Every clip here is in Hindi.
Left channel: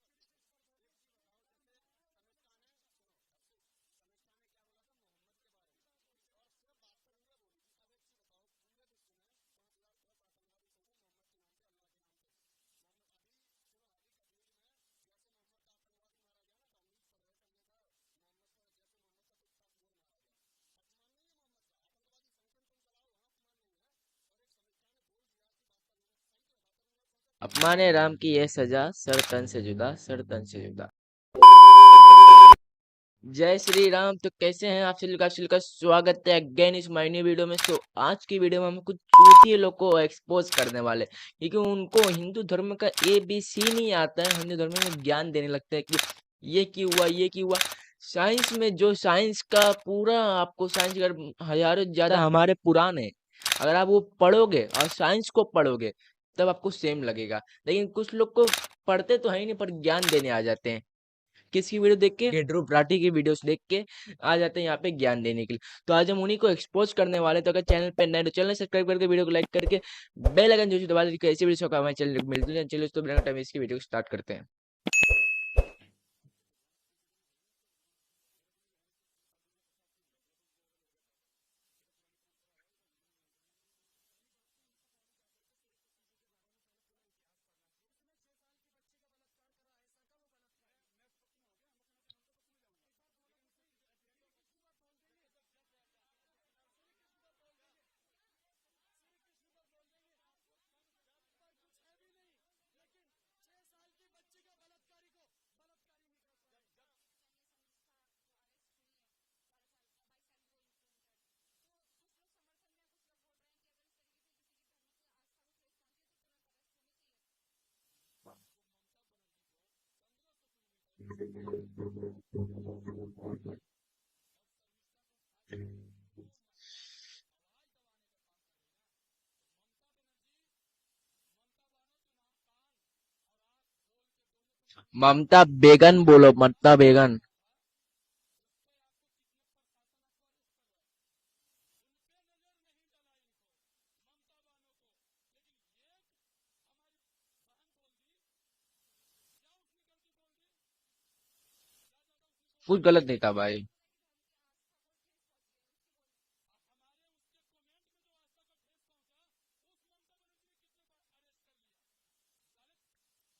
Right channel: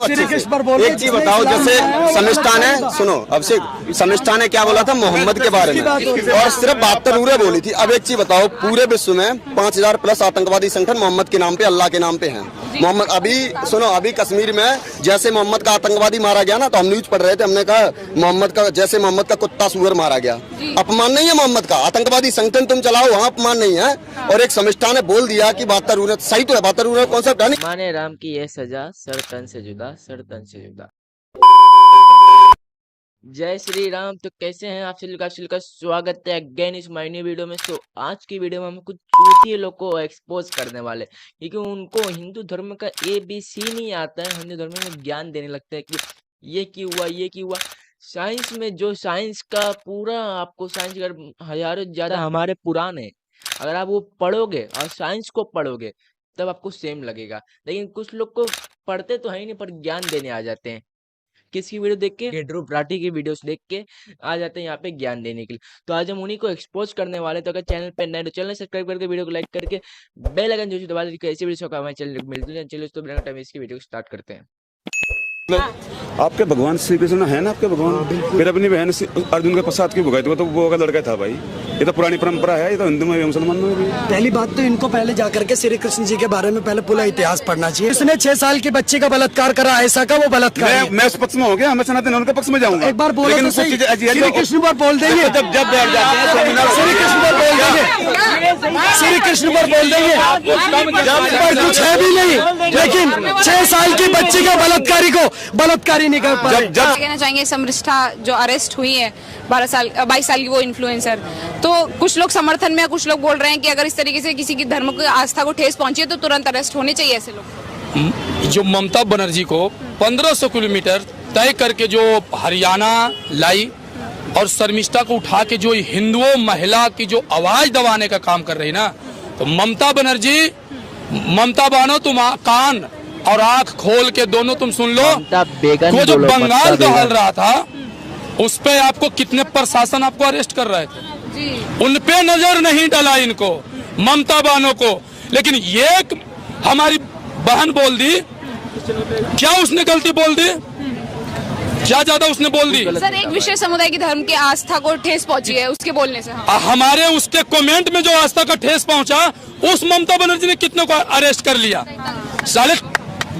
एक चीज बताओ, जैसे समिष्ठा ने, सुनो अभिषेक, समिष्ठा ने क्या बोला था मोहम्मद के बारे में और सिर्फ 72 उरे बोली थी। अब एक चीज बताओ, पूरे विश्व में 5000 प्लस आतंकवादी संगठन मोहम्मद के नाम पे, अल्लाह के नाम पे हैं। मोहम्मद, अभी सुनो, अभी कश्मीर में जैसे मोहम्मद का आतंकवादी मारा गया ना, तो हम न्यूज पढ़ रहे थे, हमने कहा मोहम्मद का, जैसे मोहम्मद का कुत्ता सुअर मारा गया। अपमान नहीं है मोहम्मद का, आतंकवादी संगठन तुम चलाओ, वहाँ अपमान नहीं है। और एक समिष्ठा ने बोल दिया कि 72 उरे सही तो है, 72 उरे कॉन्सेप्ट है नहीं। माने राम की यह सजा, सर तन से जुदा, सर तन से जुदा। जय श्री राम। तो कैसे हैं आप सभी का स्वागत है again is my new video में। तो आज की वीडियो में हम कुछ चूतिए लोग को एक्सपोज करने वाले, क्योंकि उनको हिंदू धर्म का ABC नहीं आता है। हिंदू धर्म में ज्ञान देने लगता है कि ये क्यों हुआ, ये क्यों हुआ। साइंस में जो साइंस का पूरा आपको, साइंस अगर हजारों ज्यादा हमारे पुराण है, अगर आप वो पढ़ोगे और साइंस को पढ़ोगे तब आपको सेम लगेगा। लेकिन कुछ लोग को पढ़ते तो है ही नहीं, पर ज्ञान देने आ जाते हैं। किसकी वीडियो देख के? ध्रुव राठी की वीडियोस देख के आ जाते हैं यहाँ पे ज्ञान देने के लिए। तो आज हम उन्हीं को एक्सपोज करने वाले। तो अगर चैनल पे नए तो चैनल सब्सक्राइब करके वीडियो को लाइक करके बेल आइकन जो दबा दीजिए, ऐसी वीडियो का हमारे चैनल मिलते हैं। चलिए तो बिना टाइम इसकी वीडियो स्टार्ट करते हैं। आपके भगवान श्री कृष्ण है ना, आपके भगवान। फिर अपनी बहन अर्जुन के प्रसाद की भुगाई, तो वो का लड़का था भाई। ये तो पुरानी परंपरा है, ये तो हिंदू में भी मुसलमान में भी। पहली बात तो इनको पहले जाकर के श्री कृष्ण जी के बारे में पहले पूरा इतिहास पढ़ना चाहिए। इसने 6 साल की बच्ची का बलात्कार करा, ऐसा का वो बलात्कार। मैं उस पक्ष में हो गया, मैं सनातन उनके पक्ष में जाऊंगा। एक बार बोलो तो सही, श्री कृष्ण पर बोल देंगे, जब बैठ जाते हैं श्री कृष्ण पर बोल देंगे, श्री कृष्ण पर बोल देंगे, पर कुछ है भी नहीं। लेकिन 6 साल की बच्ची का बलात्कारी को बलात्कारी नहीं कर पाए। कहना चाहेंगे समृष्ठा जो अरेस्ट हुई है 22 साल की वो इन्फ्लुएंसर, तो कुछ लोग समर्थन में, कुछ लोग बोल रहे हैं कि अगर इस तरीके से किसी की धर्म की आस्था को ठेस पहुंची है तो तुरंत अरेस्ट होने चाहिए ऐसे लोग। जो ममता बनर्जी को 1500 किलोमीटर तय करके जो हरियाणा लाई और शर्मिष्ठा को उठा के जो हिंदुओं महिला की जो आवाज दबाने का काम कर रही ना, तो ममता बनर्जी, ममता बानो, तुम कान और आंख खोल के दोनों तुम सुन लो। ममता बेगन बोलो, ममता बेगन रहा था, उस पे आपको कितने प्रशासन आपको अरेस्ट कर रहे थे, उन पे नजर नहीं डाला इनको, ममता बानो को। लेकिन ये हमारी बहन बोल दी, क्या उसने गलती बोल दी? क्या ज्यादा उसने बोल दी? सर, एक विशेष समुदाय की धर्म की आस्था को ठेस पहुंची है उसके बोलने से। हमारे उसके कमेंट में जो आस्था का ठेस पहुंचा, उस ममता बनर्जी ने कितने को अरेस्ट कर लिया। साले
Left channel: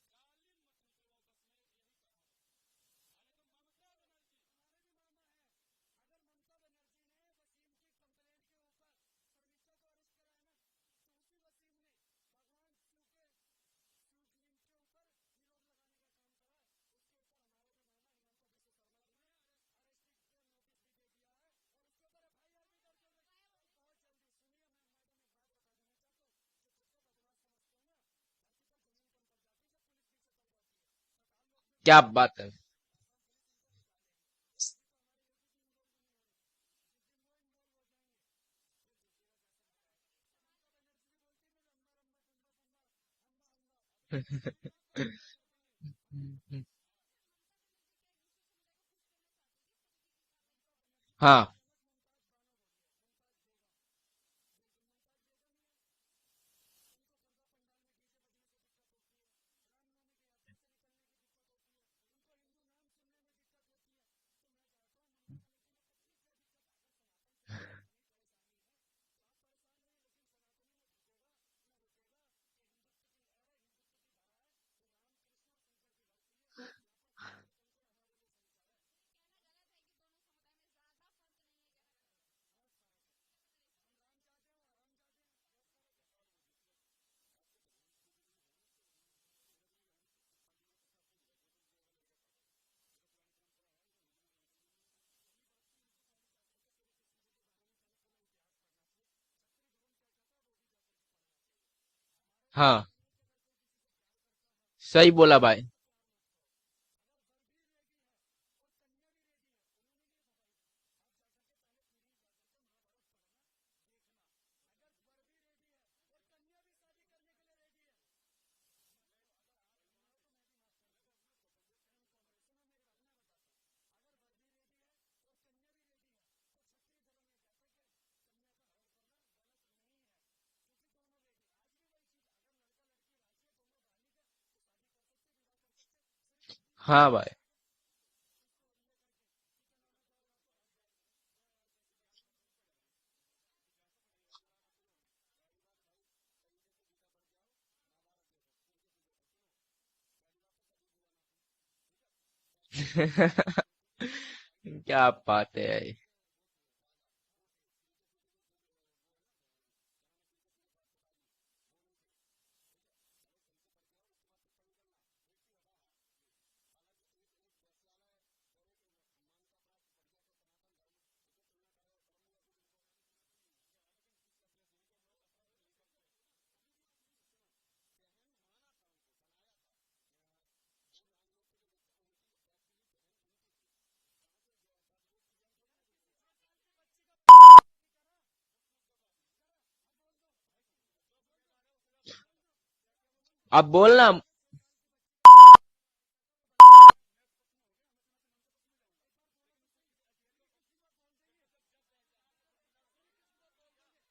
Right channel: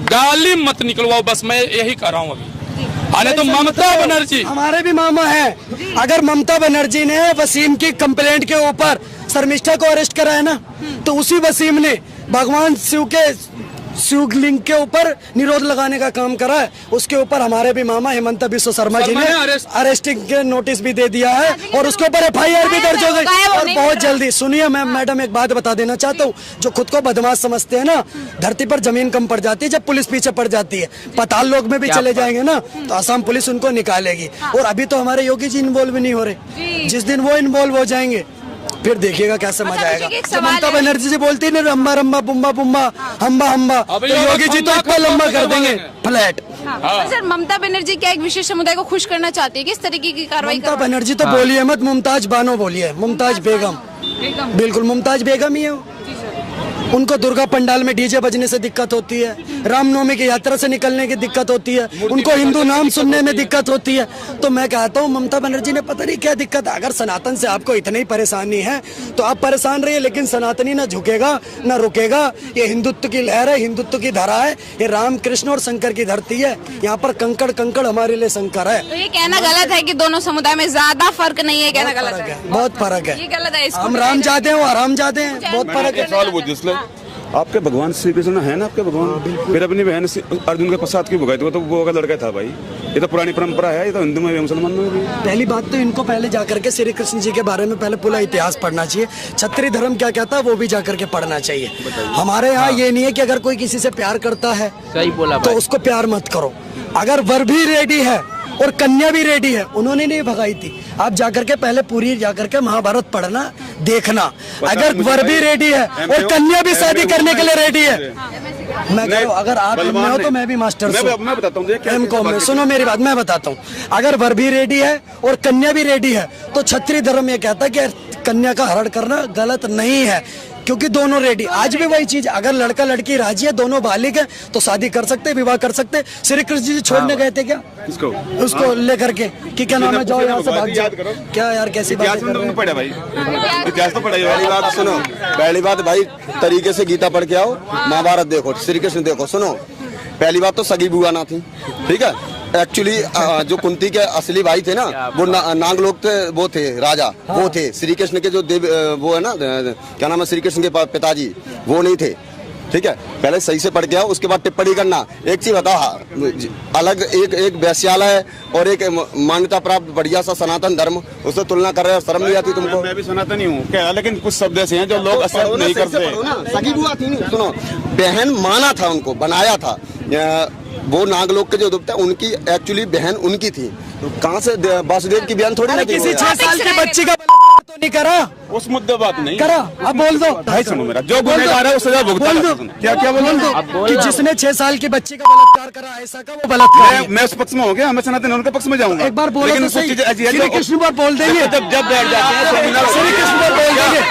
गाली मत निकलवाओ, बस मैं यही कर रहा हूँ अभी। अरे तो ममता बनर्जी हमारे भी मामा हैं। अगर ममता बनर्जी ने वसीम की कंप्लेंट के ऊपर शर्मिष्ठा को अरेस्ट करा है ना, तो उसी वसीम ने भगवान शिवलिंग के ऊपर निरोध लगाने का काम करा है। उसके ऊपर हमारे भी मामा हेमंत बिस्व शर्मा जी ने अरेस्टिंग के नोटिस भी दे दिया है और उसके ऊपर FIR भी दर्ज हो गई। और बहुत जल्दी, सुनिए मैडम एक बात बता देना चाहता हूँ, जो खुद को बदमाश समझते हैं ना, धरती पर जमीन कम पड़ जाती है जब पुलिस पीछे पड़ जाती है। पाताल लोक में भी चले जाएंगे ना तो असम पुलिस उनको निकालेगी। और अभी तो हमारे योगी जी इन्वॉल्व नहीं हो रहे, जिस दिन वो इन्वॉल्व हो जाएंगे फिर देखिएगा कैसे मजा आएगा। तो ममता बनर्जी जी बोलती है रंबा रंबा बुम्बा बुम्बा हम्बा हम्बा, तो योगी जी तो इतना लंबा कर देंगे फ्लैट। सर, ममता बनर्जी क्या एक विशेष समुदाय को खुश करना चाहती है? किस तरीके की कार्रवाई? ममता बनर्जी तो बोलिए मत, मुमताज बानो बोलिए, मुमताज बेगम। बिल्कुल मुमताज बेगम ही है। उनको दुर्गा पंडाल में डीजे बजने से दिक्कत होती है, रामनवमी की यात्रा से निकलने की दिक्कत होती है, उनको हिंदू नाम सुनने में दिक्कत होती है। तो मैं कहता हूँ ममता बनर्जी ने पता नहीं क्या दिक्कत है। अगर सनातन से आपको इतनी परेशानी है तो आप परेशान रहिए, लेकिन सनातनी ना झुकेगा ना रुकेगा। ये हिंदुत्व की लहर है, हिंदुत्व की धारा है, ये राम कृष्ण और शंकर की धरती है। यहाँ पर कंकड़ कंकड़ हमारे लिए शंकर है। तो ये कहना गलत है कि दोनों समुदाय में ज्यादा फर्क नहीं है, कहना गलत है? बहुत फर्क है, ये गलत है। हम राम जाते हैं, वो आराम जाते हैं, बहुत फर्क है। आपके भगवान श्री कृष्ण है ना, आपके भगवान। फिर अपनी बहन अर्जुन के प्रसाद की भुगाई, तो वो का लड़का था भाई। ये तो पुरानी परंपरा है, ये तो हिंदू में भी मुसलमान में भी। पहली बात तो इनको पहले जाकर के श्री कृष्ण जी के बारे में पहले पूरा इतिहास पढ़ना चाहिए। क्षत्रिय धर्म क्या कहता है वो भी जाकर के पढ़ना चाहिए। हमारे यहाँ ये नहीं है कि अगर कोई किसी से प्यार करता है, सही बोला भाई, तो उसको प्यार मत करो। अगर वर भी रेडी है और कन्या भी रेडी है, उन्होंने नहीं भगाई थी। आप जाकर के पहले पूरी जाकर के महाभारत पढ़ना, देखना। अगर वर भी रेडी है और कन्या भी शादी करने के लिए रेडी है, मैं कह रहा हूँ, अगर आप में हो तो मैं भी मास्टर मैं बताता हूँ, सुनो मेरी बात, मैं बताता हूँ। अगर वर भी रेडी है और कन्या भी रेडी है तो क्षत्रिय धर्म ये कहता है कि कन्या का हरण करना गलत नहीं है। क्योंकि दोनों रेडी। आज भी वही चीज, अगर लड़का लड़की राजी है, दोनों बालिग है, तो शादी कर सकते, विवाह कर सकते। श्री कृष्ण जी छोड़ने गए थे क्या किसको? उसको लेकर के कि क्या नाम है, जाओ यहाँ से भाग जाओ। क्या यार कैसी बात इतिहास में तो पढ़ा भाई, इतिहास तो पढ़ा ही। पहली बात सुनो, पहली बात भाई तरीके से गीता पढ़ के आओ, महाभारत देखो, श्री कृष्ण देखो। सुनो, पहली बात तो सगी बुआ ना थी, ठीक है। एक्चुअली जो कुंती के असली भाई थे ना, वो नाग लोग थे, वो थे राजा, वो थे श्री कृष्ण के जो देव, वो है ना, क्या नाम है, श्री कृष्ण के पिताजी, वो नहीं थे, ठीक है। पहले सही से पढ़ के आओ, उसके बाद टिप्पणी करना। एक चीज बताओ, अलग एक वैश्यालय और एक मान्यता प्राप्त बढ़िया सा सनातन धर्म, उससे तुलना कर रहे हो, शर्म नहीं आती तुमको? मैं भी सनातनी हूँ क्या, लेकिन कुछ शब्द ऐसे हैं जो लोग एक्सेप्ट नहीं करते। सगी बुआ थी नहीं, सुनो, बहन माना था उनको, बनाया था। वो नागलोक के जो देवता उनकी एक्चुअली बहन उनकी थी, तो कहाँ से वासुदेव की बहन थोड़ी ना थी। किसी 6 साल की बच्ची का तो नहीं करा, उस मुद्दे बात नहीं करा। अब बोल दो भाई, सुनो मेरा, जो गुनहगार है वो सजा भुगता है। क्या क्या बोल दो, अब बोलना। जिसने 6 साल की बच्ची का बलात्कार करा, ऐसा का वो बलात्कार है। मैं उस पक्ष में हो गया, मैं सनातन उनके पक्ष में जाऊंगा। एक बार बोलो लेकिन तो सही, कुछ चीजें ऐसी हैं श्री कृष्ण पर बोल देंगे, जब बैठ जाते हैं श्री कृष्ण पर बोल देंगे,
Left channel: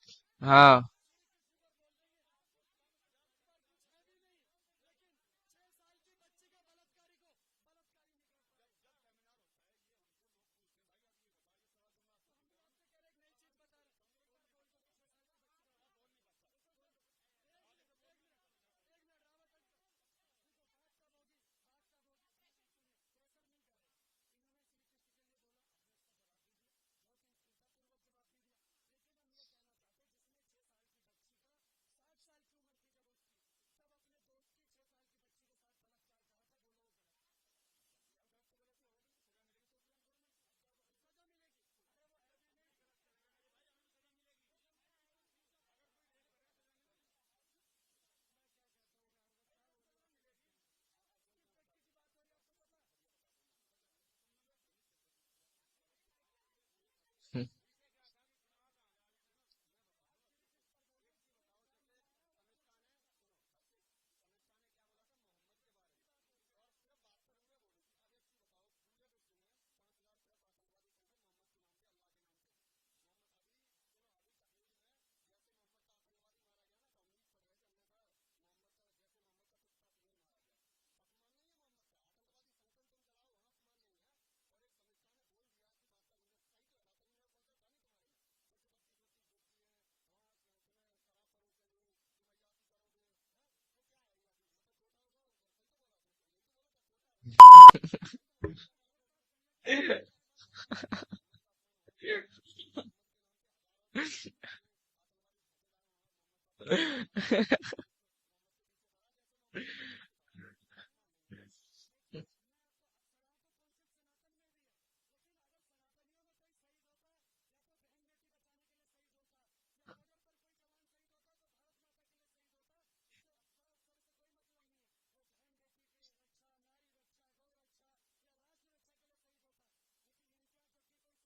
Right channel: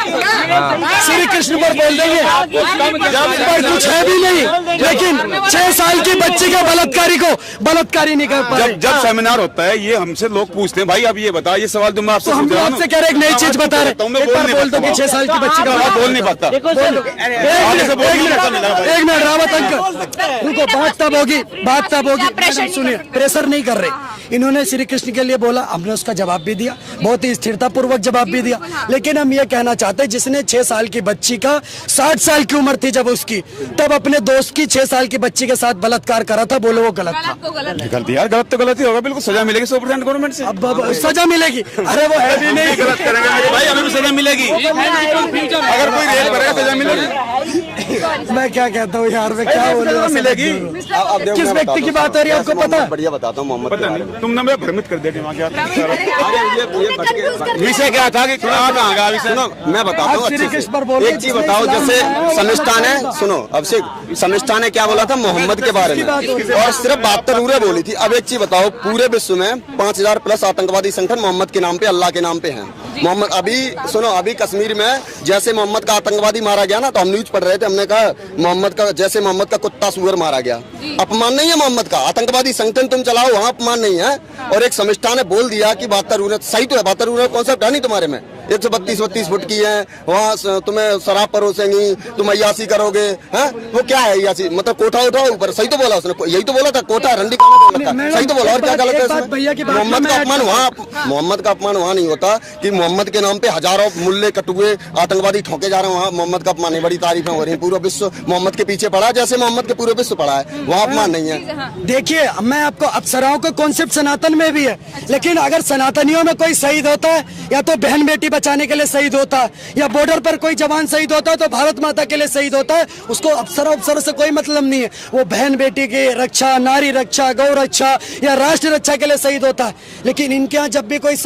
श्री कृष्ण पर बोल देंगे, पर कुछ है भी नहीं। लेकिन 6 साल की बच्ची का बलात्कारी को बलात्कारी नहीं कर पाए। जब सेमिनार होता है, ये हमसे लोग पूछते हैं, भाई अब ये बता, ये सवाल जो मैं आपसे तो हम पूछ रहा हूं आपसे कह रहे एक नई चीज बता रहे, एक बार बोल दो कि 6 साल की बच्ची का बोल नहीं पाता। एक मिनट रावत अंकल रुको, बात तब होगी, बात तब होगी। मैडम सुनिए, प्रेशर नहीं कर रहे। इन्होंने श्री कृष्ण के लिए बोला, हमने उसका जवाब भी दिया, बहुत ही स्थिरता पूर्वक जवाब भी दिया। लेकिन हम ये कहना चाहते हैं, जिसने 6 साल की बच्ची का 60 साल की उम्र थी जब उसकी, तब अपने दोस्त की 6 साल की बच्ची के साथ बलात्कार करा था, बोलो वो गलत था? गलती यार, गलत तो गलत ही होगा, बिल्कुल सजा मिलेगी 100% गवर्नमेंट से। अब सजा मिलेगी? अरे वो है भी नहीं, गलत करेंगे मेरे भाई, हमें भी सजा मिलेगी। अगर कोई रेप करेगा सजा मिलेगी। मैं क्या कहता हूँ यार, मैं क्या बोल रहा हूँ, मिलेगी। किस व्यक्ति की बात हो रही है आपको पता है? बढ़िया बताता हूँ मोहम्मद के बारे में। तुमने मैं भ्रमित कर दिया दिमाग यार। ये विषय क्या था कि कहाँ गया विषय? सुनो, मैं बताता हूँ श्री अच्छे कृष्ण पर से। बोल रहे एक चीज बताओ, जैसे समिष्ठा ने, सुनो अभिषेक, समिष्ठा ने क्या बोला था मोहम्मद के बारे में, और सिर्फ 72 उरे बोली थी। अब एक चीज बताओ, पूरे विश्व में 5000 प्लस आतंकवादी संगठन मोहम्मद के नाम पे, अल्लाह के नाम पे हैं। मोहम्मद, अभी सुनो, अभी कश्मीर में जैसे मोहम्मद का आतंकवादी मारा गया ना, तो हम न्यूज पढ़ रहे थे, हमने कहा मोहम्मद का, जैसे मोहम्मद का कुत्ता सुअर मारा गया। अपमान नहीं है मोहम्मद का, आतंकवादी संगठन तुम चलाओ, वहाँ अपमान नहीं है। और एक समिष्ठा ने बोल दिया कि 72 उरे सही तो है, 72 उरे कॉन्सेप्ट है नहीं तुम्हारे में, 132 फुट की है, वहाँ तुम्हें शराब परोसेंगी, तुम अय्यासी करोगे, हैं? वो क्या है अय्यासी, मतलब कोठा उठाओ ऊपर, सही तो बोला उसने, यही तो बोला था, कोठा रंडी सही तो बोला, और क्या गलत है इसमें? मोहम्मद का अपमान वहाँ, मोहम्मद का अपमान वहाँ नहीं होता कि मोहम्मद के नाम पे हजारों मुल्ले कटुए आतंकवादी ठोके जा रहे हैं, वहाँ मोहम्मद का अपमान है। बड़ी तारीफें हो रही है, पूरा विश्व मोहम्मद के पीछे पड़ा है, जैसे मोहम्मद के पूरे विश्व पड़ा है, वहाँ अपमान नहीं है। देखिए, मैं आपको, अप्सराओं का कॉन्सेप्ट सनातन में भी है, लेकिन अगर सनातनियों में कोई शहीद होता है, या तो बहन बेटी बचाने के लिए शहीद होता है, या बॉर्डर पर कोई जवान शहीद होता है, तो भारत माता के लिए शहीद होता है, उसको अप्सरा से कोई मतलब नहीं है। वो बहन बेटी की रक्षा, नारी रक्षा, गौ रक्षा या राष्ट्र रक्षा के लिए शहीद होता है। लेकिन इनके यहाँ जब भी कोई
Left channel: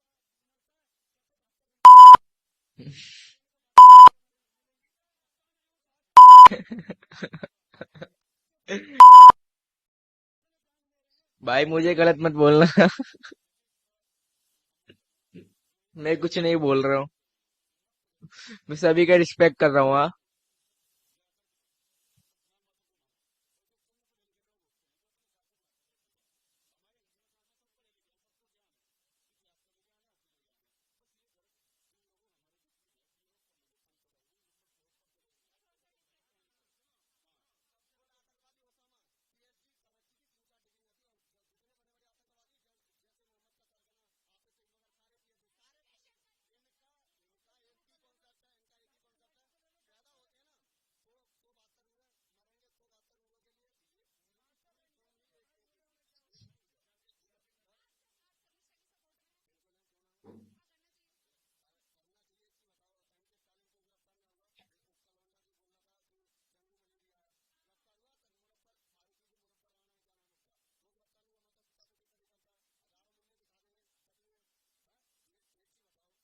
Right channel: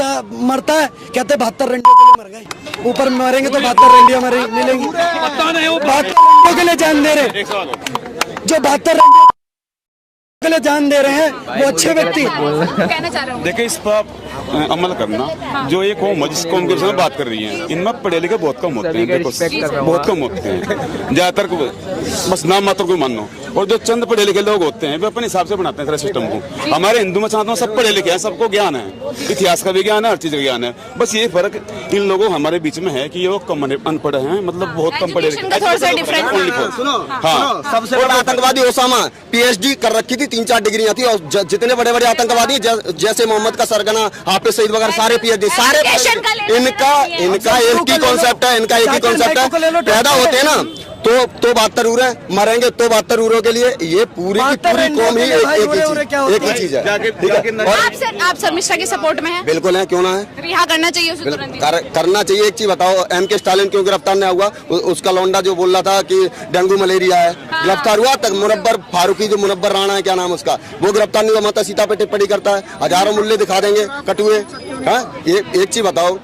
मरता है, कहते 72 रंडियों के लिए मर गए, ऊपर मरेंगे तो 72 रंडियां मिलेंगी। 72 रंडियों के लिए जान दे रहे, जो 72 रंडियों के लिए जान दे रहे हैं, वो अच्छे व्यक्ति। देखिए, इस पर अमल करना, जो एक कौम जिस कौम के साथ बात कर रही है, इनमें पढ़े लिखे बहुत कम होते हैं, सभी का रिस्पेक्ट कर रहा हूँ, बहुत कम होते हैं, ज्यादातर बस नाम मात्र को मानो। और जो चंद पढ़े लिखे लोग होते हैं, वे अपने हिसाब से बनाते हैं सारे सिस्टम को। हमारे हिंदू में साथ सब पढ़े लिखे हैं, सबको ज्ञान है, इतिहास का भी ज्ञान है, हर चीज का ज्ञान है। बस ये फर्क इन लोगों हमारे बीच में है कि ये लोग कम अनपढ़ हैं, मतलब बहुत कम पढ़े लिखे। सुनो, सबसे बड़ा आतंकवादी ओसामा, PhD कर रखी थी, 3-4 डिग्रियां थी, और जितने बड़े बड़े आतंकवादी जैसे मोहम्मद का सरगना, हाफिज सईद वगैरह, सारे PhD, सारे इनका एक ही कॉन्सेप्ट है, इनका एक ही कॉन्सेप्ट है, पैदा होते हैं ना तो 72 उरे मरेंगे, तो 72 उरों के लिए ये पूरी की पूरी कौम ही एक ही चीज है, ठीक है। आप शर्मिष्ठा के सपोर्ट में हैं? बिल्कुल है, क्यों ना है, रिहा करना चाहिए उसे तुरंत ही। करना चाहिए। एक चीज बताओ, MK स्टालिन क्यों गिरफ्तार नहीं हुआ? उसका लौंडा जो बोल रहा था कि डेंगू मलेरिया है, गिरफ्तार हुआ तक। मुनव्वर फारूकी, जो मुनव्वर राणा है, क्या नाम उसका, वो गिरफ्तार नहीं हुआ, माता सीता पे टिप्पणी करता है, हजारों मुल्ले दिखा देंगे कटुए। एक चीज बताओ,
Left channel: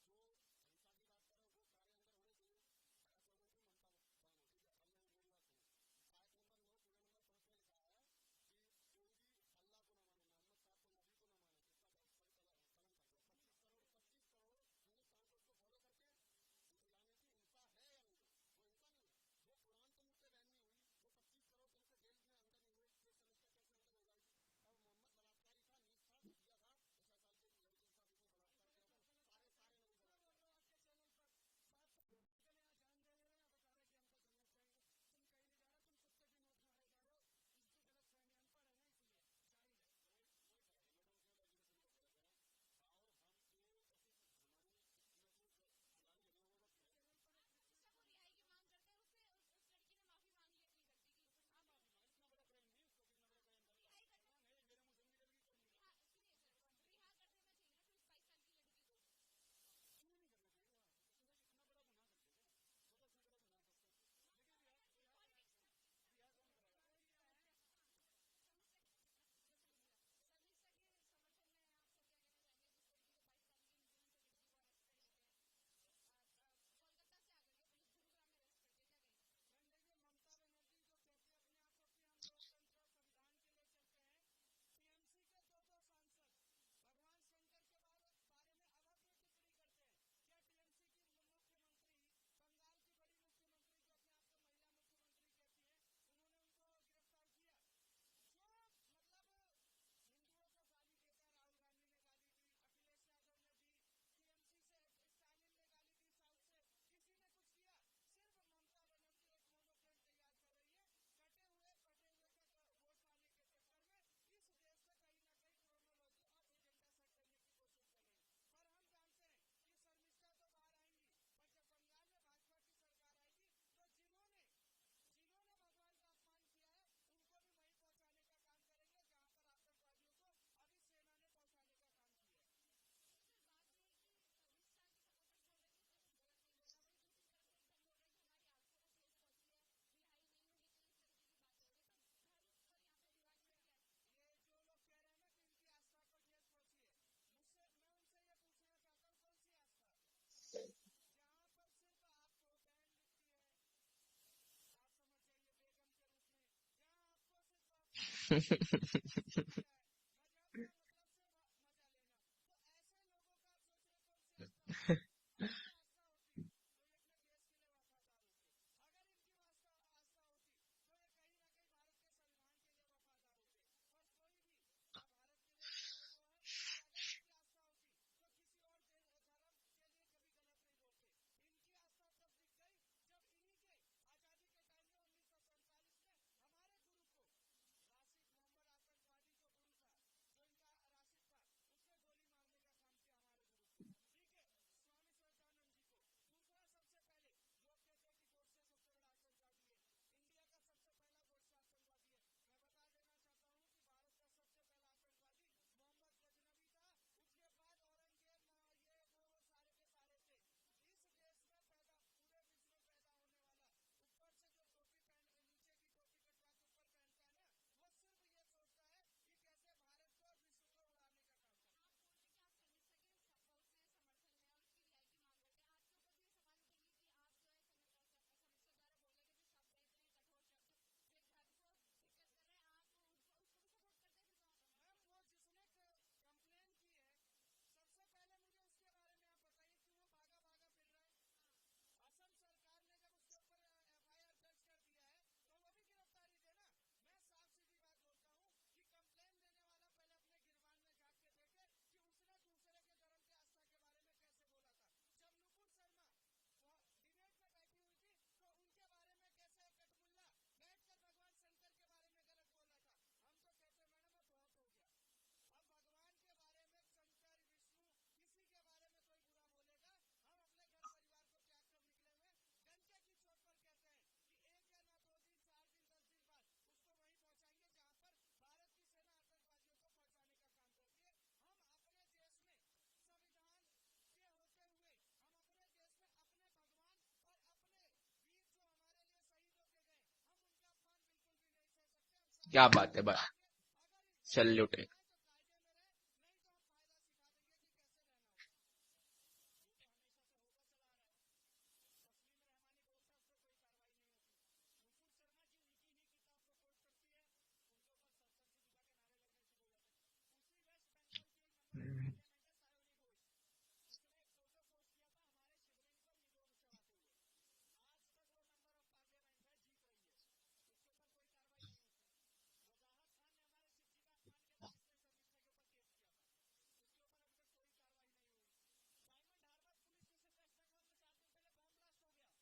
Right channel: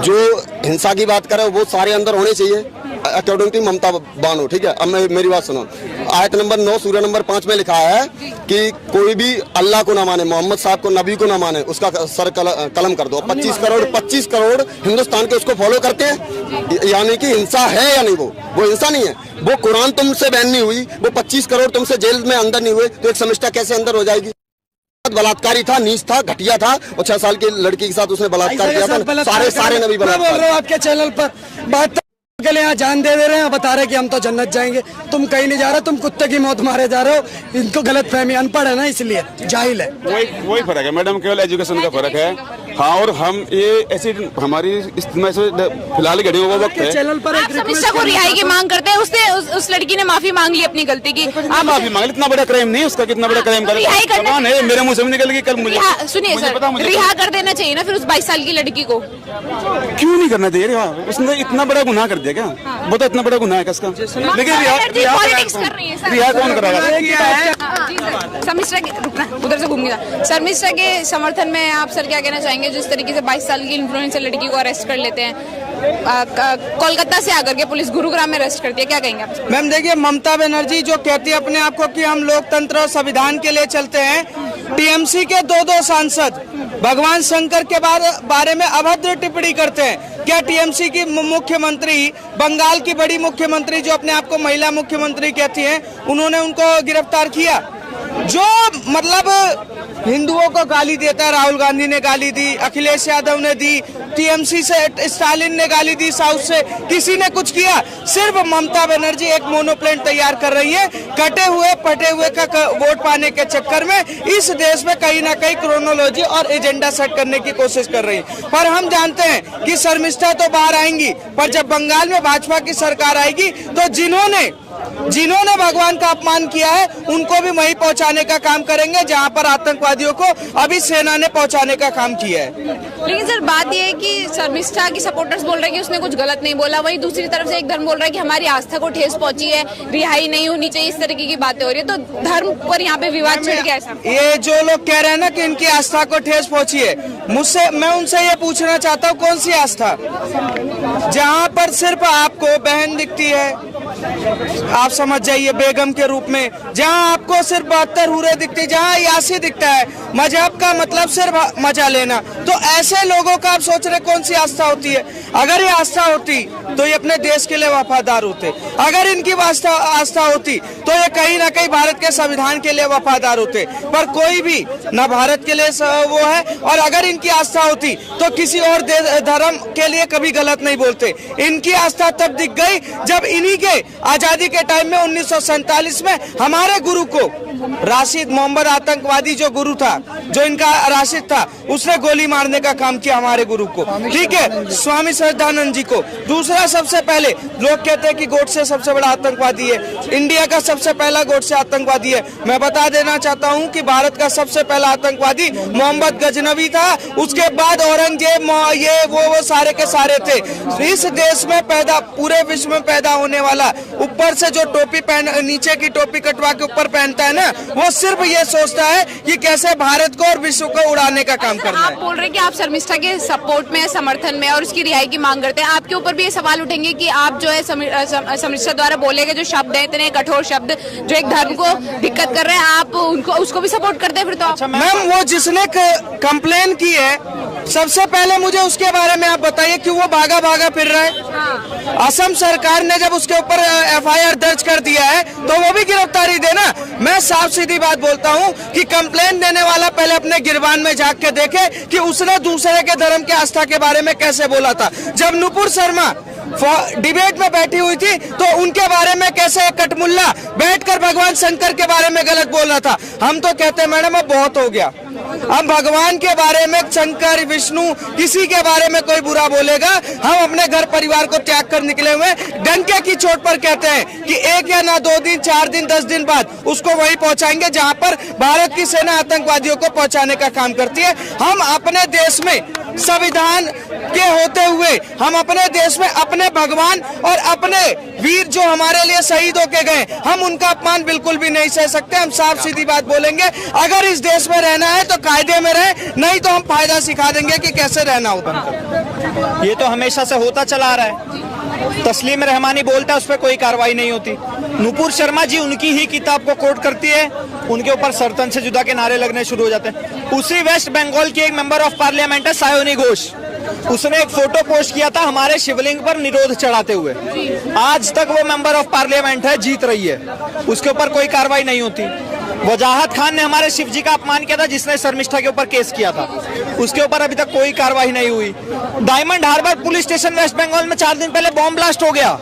जो हिंसा की बात करे वो सारे अंदर होने चाहिए, अकॉर्डिंग टू ममता बानो, ठीक है। अब मेरी बात सुनो, आयत नंबर 9 सूरा नंबर 5 में लिखा है कि कोई भी अल्लाह को ना माने, मोहम्मद साहब को, नबी को ना माने, उसका सर कलम कर दो। 25 करोड़ हिंदुस्तान के उसको फॉलो करते हैं, यानी कि हिंसा है या नहीं? वो हिंसा नहीं है। वो कुरान तुमसे बैन नहीं हुई, वो 25 करोड़ तुमसे जेल में अंदर नहीं हुए, तो एक समिष्टा कैसे अंदर हो जाएगी? बलात्कारी था, नीच था, घटिया था, और 6 साल की लड़की के साथ उसने बलात्कार किया था। सारे नबी मैं बोल रहा हूँ आपके चैनल पर बात के लिए यहाँ जान दे रहे हैं, बता रहे कि हम तो जन्नत जाएंगे। तुम कहीं नहीं जा रहे, तुम कुत्ते की मौत मारे जा रहे हो। इनको गलत फहमी, अनपढ़ है ना, इसलिए जाहिल है। वही फर्क है मैडम, केवल एजुकेशन का फर्क है। हाँ, और हम ये ऐसी हमारी फिलहाल घड़ियों का वक्त है। चैनल पर आप समिष्टा को रिहाई की मांग करते हैं। उसने उस लड़की ने माफी मांग ली अपनी गलती की। आप माफी मांग ली, इतना बड़ा क्राइम नहीं उसका, कितना बड़ा क्राइम कर रिहाई करना है, मेरे मुंह से भी निकल गई कल। मुझे सुनिए सर, रिहा कर देना चाहिए ना फिर उस 22 साल की लड़की को। क्यों नहीं करना चाहिए? उसने इतना बड़ा गुनाह कर दिया क्या? वो तो इतना बड़ा गुनाह है किसका? लेकिन रिहा कौन कराएगा? समिष्टा के रुकना, उधर से घूम गया। समिष्टा के समर्थन में आप सर क्या कहना चाहेंगे? जिस तरीके से 22 साल की इन्फ्लुएंसर लड़की को अरेस्ट कर लेते हैं, कोलकाता से आकर के पुलिस गुरुग्राम में अरेस्ट करती है, क्या कहेंगे आप? मैम देखिए, ममता बनर्जी जो कहती है अपने आप को कि हम लोकतंत्र और संविधान के लिए चलते हैं, टीएमसी के 2 सांसद भगवान शंकर के बारे में अभद्र टिप्पणी करते हैं। क्या टीएमसी की मुख्यमंत्री, बंगाल की बड़ी मुख्यमंत्री जो अपने आप को महिला मुख्यमंत्री कहती हैं, उन्होंने उनको गिरफ्तार किया? जो मतलब हिंदुओं को गाली देता है, राहुल गांधी ने गाली दी, अखिलेश यादव ने दी, टीएमसी से स्टालिन ने गाली दी, साउथ से किसी ने कुछ किया? सिर्फ ममता बनर्जी एक मोनोप्लेन तैयार कर रही है, कटे हुए पटे हुए का वोट पाने के चक्कर में इस देश में कहीं ना कहीं क्रोनोलॉजी और एजेंडा सेट करने की कोशिश कर रही है। पर हम जानते हैं कि शर्मिष्ठा तो बाहर आएंगी, पर जब बंगाल में भाजपा की सरकार आएगी तो जिन्होंने भगवान का अपमान किया है उनको भी वहीं पहुंचाने का काम करेंगे जहां पर आतंकवादियों को अभी सेना ने पहुंचाने का काम किया है। लेकिन सर बात यह है कि शर्मिष्ठा की सपोर्टर्स बोल रहे हैं कि उसने कुछ गलत नहीं बोला, वहीं दूसरी तरफ से एक धर्म बोल रहा है कि हमारी आस्था को ठेस पहुंची है, रिहाई नहीं होनी चाहिए, इस तरीके की बातें हो रही है। तो धर्म पर यहाँ पे विवाद छिड़ गया है। ये जो लोग कह रहे हैं ना कि इनकी आस्था को ठेस पहुंची है, मैं उनसे ये पूछना चाहता हूँ, कौन सी आस्था? जहाँ पर सिर्फ आपको बहन दिखती है, आप समझ जाइए, बेगम के रूप में, जहां आपको सिर्फ 72 हुरे दिखते, जहां यासी दिखता है, मजहब का मतलब सिर्फ मजा लेना, तो ऐसे लोगों का आप सोच रहे कौन सी आस्था होती है? अगर ये आस्था होती तो ये अपने देश के लिए वफादार होते, अगर इनकी आस्था होती तो ये कहीं ना कहीं भारत के संविधान के लिए वफादार होते, पर कोई भी न भारत के लिए वो है, और अगर इनकी आस्था होती तो किसी और धर्म के लिए कभी गलत नहीं बोलते। इनकी आस्था तब दिख गई जब इन्हीं के आजादी के टाइम में 1947 में हमारे गुरु को राशिद मोहम्मद आतंकवादी जो गुरु था, जो इनका राशिद था, उसने गोली मारने का काम किया हमारे गुरु को, ठीक है, स्वामी श्रद्धानंद जी को। दूसरा, सबसे पहले लोग कहते हैं कि गोडसे सबसे बड़ा आतंकवादी है, इंडिया का सबसे पहला गोडसे आतंकवादी है। मैं बता देना चाहता हूं कि भारत का सबसे पहला आतंकवादी मोहम्मद गजनवी था, उसके बाद औरंगजेब, ये वो सारे के सारे थे। इस देश में पैदा, पूरे विश्व में पैदा होने वाला, ऊपर से जो टोपी नीचे की टोपी कटवा के ऊपर पहनता है ना, वो सिर्फ ये सोचता है कि कैसे भारत को और विश्व को उड़ाने का काम करना है। आप बोल रहे हैं कि आप शर्मिष्ठा के सपोर्ट में, समर्थन में और उसकी रिहाई की मांग करते हैं। आपके ऊपर भी ये सवाल उठेंगे कि आप जो है शर्मिष्ठा द्वारा बोले गए जो शब्द हैं, इतने कठोर शब्द जो एक धर्म को दिक्कत कर रहे हैं, आप उसको भी सपोर्ट करते हैं फिर? तो मैम, वो जिसने कंप्लेन की है, सबसे पहले मुझे उसके बारे में आप बताइए कि वो भागा फिर रहा है। असम सरकार ने जब उसके ऊपर एफआईआर दर्ज कर दिया है तो वो भी गिरफ्तारी देना। मैं साफ सीधी बात बोलता हूँ कि कंप्लेन देने वाला पहले अपने गिरबान में झांक के देखे कि उसने दूसरे के धर्म के आस्था के बारे में कैसे बोला था। जब नुपुर शर्मा डिबेट में बैठी हुई थी तो उनके बारे में कैसे कटमुल्ला बैठकर भगवान शंकर के बारे में गलत बोल रहा था। हम तो कहते हैं मैडम अब बहुत हो गया, हम भगवान के बारे में, शंकर विष्णु किसी के बारे में कोई बुरा बोलेगा, हम अपने घर परिवार को त्याग कर निकले हुए डंके की चोट पर कहते हैं कि 1 या ना 2 दिन, 4 दिन, 10 दिन बाद उसको वहीं पहुंचाएंगे जहां पर भारत की सेना आतंकवादियों को पहुंचाने का काम करती है। हम अपने देश में संविधान के होते हुए, हम अपने देश में अपने भगवान और अपने वीर जो हमारे लिए शहीद होके गए, हम उनका अपमान बिल्कुल भी नहीं सह सकते। हम साफ सीधी बात बोलेंगे, अगर इस देश में रहना है तो कायदे में रहे, नहीं तो हम फायदा सिखा देंगे कि कैसे रहना होता है। ये तो हमेशा से होता चला आ रहा है। तस्लीम रहमानी बोलता है, उस पर कोई कार्रवाई नहीं होती। नुपुर शर्मा जी उनकी ही किताब को कोट करती है, उनके ऊपर सरतन से जुदा के नारे लगने शुरू हो जाते हैं। उसी वेस्ट बंगाल की एक मेंबर ऑफ पार्लियामेंट है सायोनी घोष, उसने एक फोटो पोस्ट किया था हमारे शिवलिंग पर निरोध चढ़ाते हुए। आज तक वो मेंबर ऑफ पार्लियामेंट है, जीत रही है, उसके ऊपर कोई कार्रवाई नहीं होती। वजाहत खान ने हमारे शिव जी का अपमान किया था, जिसने शर्मिष्ठा के ऊपर केस किया था, उसके ऊपर अभी तक कोई कार्रवाई नहीं हुई। डायमंड हार्बर पुलिस स्टेशन वेस्ट बंगाल में 4 दिन पहले बॉम्ब ब्लास्ट हो गया,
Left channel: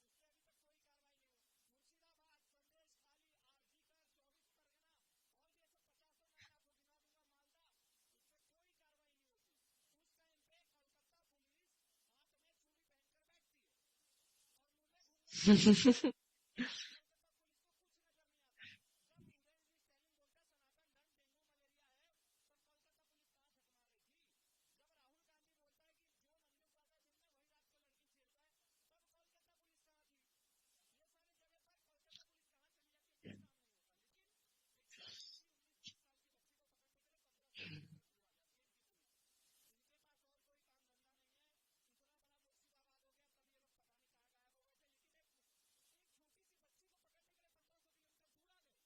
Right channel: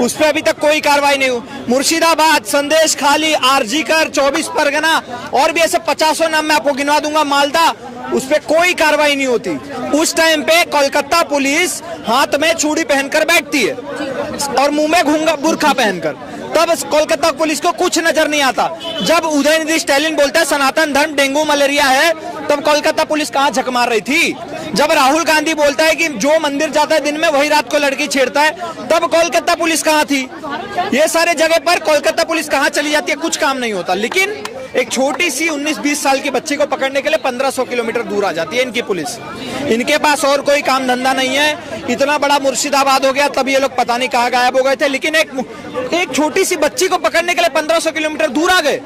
उस पर अभी तक कोई कार्रवाई नहीं हुई। मुर्शिदाबाद, संदेश खाली, आरजीकर, 24 परगना और भी ऐसे 50 नाम मैं आपको गिनवा दूंगा, मालदा, उस पर कोई कार्रवाई नहीं होती। उस टाइम पे कोलकाता पुलिस हाथ में चूड़ी पहनकर बैठती है और मुंह में घूंगा बुर्खा पहनकर, तब कोलकाता पुलिस को कुछ नजर नहीं आता। जब उदयनिधि स्टैलिन बोलता है सनातन धर्म डेंगू मलेरिया है, तब कोलकाता पुलिस कहाँ झक मार रही थी? जब राहुल गांधी बोलता है कि जो मंदिर जाता है दिन में वही रात को लड़की छेड़ता है, तब कोलकाता पुलिस कहाँ थी? ये सारे जगह पर कोलकाता पुलिस कहाँ चली जाती है? कुछ काम नहीं होता। लेकिन एक छोटी सी 19-20 साल की बच्ची को पकड़ने के लिए 1500 किलोमीटर दूर आ जाती है इनकी पुलिस। इनके पास और कोई काम धंधा नहीं है। इतना बड़ा मुर्शिदाबाद हो गया, तब ये लोग पता नहीं कहाँ गायब हो गए थे, लेकिन एक छोटी सी बच्ची को पकड़ने के लिए 1500 किलोमीटर दूर आ गए,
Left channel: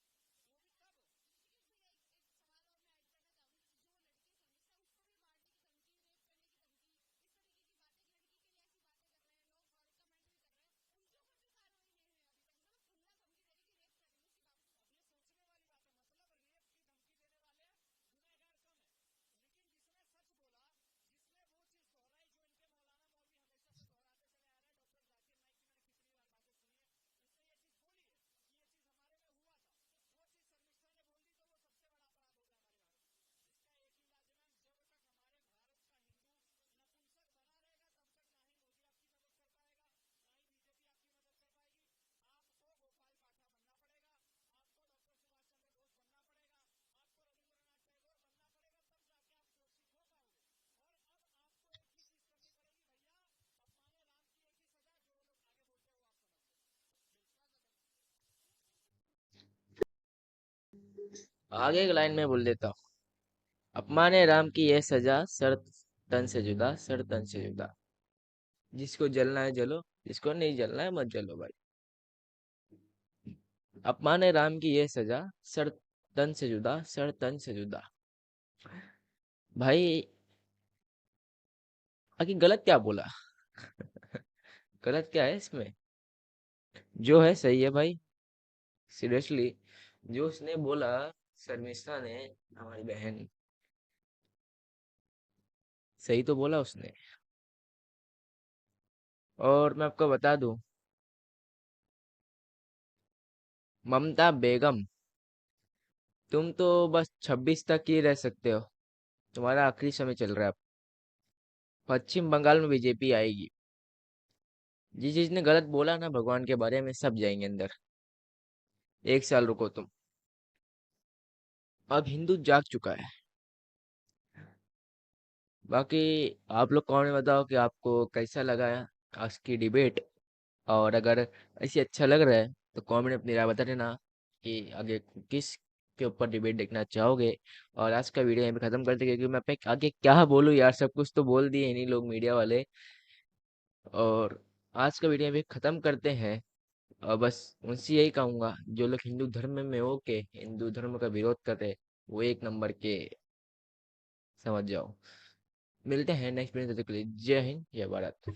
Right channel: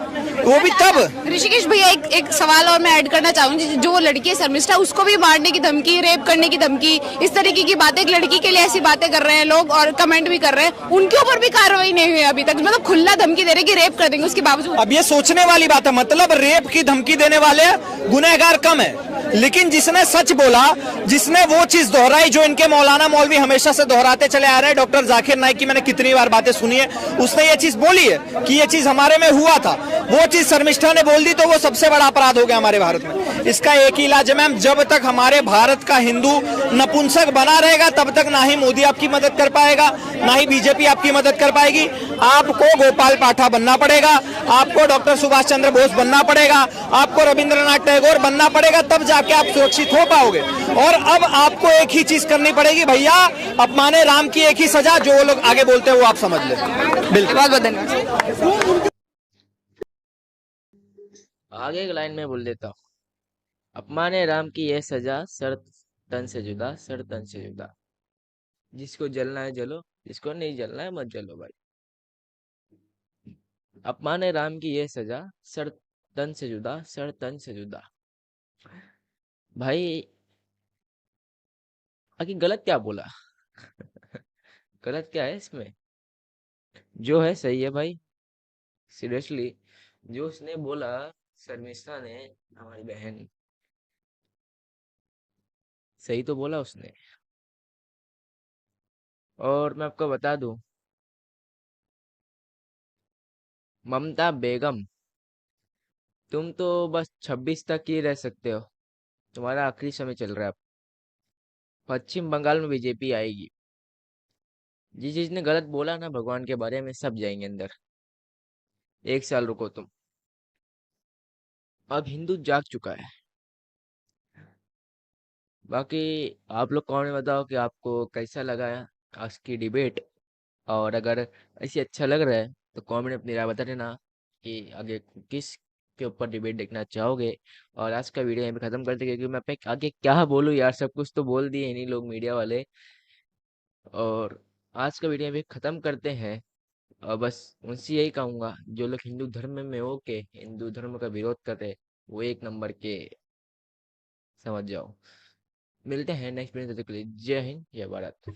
वो भी तब। ऋषिकेश भैया, एक सवाल और मैं ऐड करना चाहूंगी। जो लड़की है शर्मिष्ठा, उसको भी मारने की धमकी, रेप करने की धमकी, इस तरीके की बातें, एक लड़की के लिए ऐसी बातें कर रहे हैं लोग और कमेंट भी कर रहे हैं, उनके ऊपर भी कार्रवाई नहीं हुई अभी तक। मतलब खुला धमकी दे रहे कि रेप कर देंगे, उसके बावजूद। अब ये सोचने वाली बात है, मतलब रेप की धमकी देने वाले गुनहगार कम है, लेकिन जिसने सच बोला, जिसने वो चीज दोहराई जो इनके मौलाना मौलवी हमेशा से दोहराते चले आ रहे हैं, डॉक्टर जाकिर नाइक की मैंने कितनी बार बातें सुनी है, उसने ये चीज बोली है कि ये चीज हमारे में हुआ था, वो चीज शर्मिष्ठा ने बोल दी, तो वो सबसे बड़ा अपराध हो गया हमारे भारत में। इसका एक ही इलाज है मैम, जब तक हमारे भारत का हिंदू नपुंसक बना रहेगा, तब तक ना ही मोदी आपकी मदद कर पाएगा, ना ही बीजेपी आपकी मदद कर पाएगी। आपको गोपाल पाठा बनना पड़ेगा, आपको डॉक्टर सुभाष चंद्र बोस बनना पड़ेगा, आपको रविंद्रनाथ टैगोर बनना पड़ेगा, तब जाके आप सुरक्षित हो पाओगे। और अब आपको एक ही चीज करनी पड़ेगी भैया, अपमाने राम की एक ही सजा, जो लोग आगे बोलते हैं वो आप समझ ले। बिल्कुल, बहुत बहुत धन्यवाद। आगे एक लाइन में बोल देता हूँ, अपमाने राम की यह सजा, सर तन से जुदा, सर तन से जुदा। जिसको जलना है जलो, जिसको नहीं जलना है मत जलो भाई। अपमाने राम की यह सजा, सर तन से जुदा, सर तन से जुदा। भाई आखिर गलत क्या बोला? गलत क्या है इसमें? जो है सही है भाई, सीरियसली जो उसने बोला, शर्मिष्ठा ने, हमारी बहन, सही तो बोला उसने। और मैं आपको बता दूं, ममता बेगम, तुम तो बस 26 तक ही रह सकते हो, तुम्हारा आखिरी समय चल रहा है अब। पश्चिम बंगाल में बीजेपी आएगी। जिस चीज ने गलत बोला ना भगवान के बारे में, सब जाएंगे अंदर। 1 साल रुको तुम, अब हिंदू जाग चुका है। बाकी आप लोग कमेंट में बताओ कि आपको कैसा लगा आज की डिबेट, और अगर ऐसे अच्छा लग रहा है तो कमेंट में अपनी राय बता देना कि आगे किस के ऊपर डिबेट देखना चाहोगे। और आज का वीडियो यहीं पे खत्म करते, क्योंकि मैं पे आगे क्या बोलूँ यार, सब कुछ तो बोल दिए इन्हीं लोग मीडिया वाले। और आज का वीडियो यहीं पे खत्म करते हैं, और बस उनसे यही कहूंगा, जो लोग हिंदू धर्म में हो के हिंदू धर्म का विरोध कर रहे, वो 1 नंबर के समझ जाओ। मिलते हैं नेक्स्ट वीडियो, तब तक के लिए जय हिंद, जय भारत।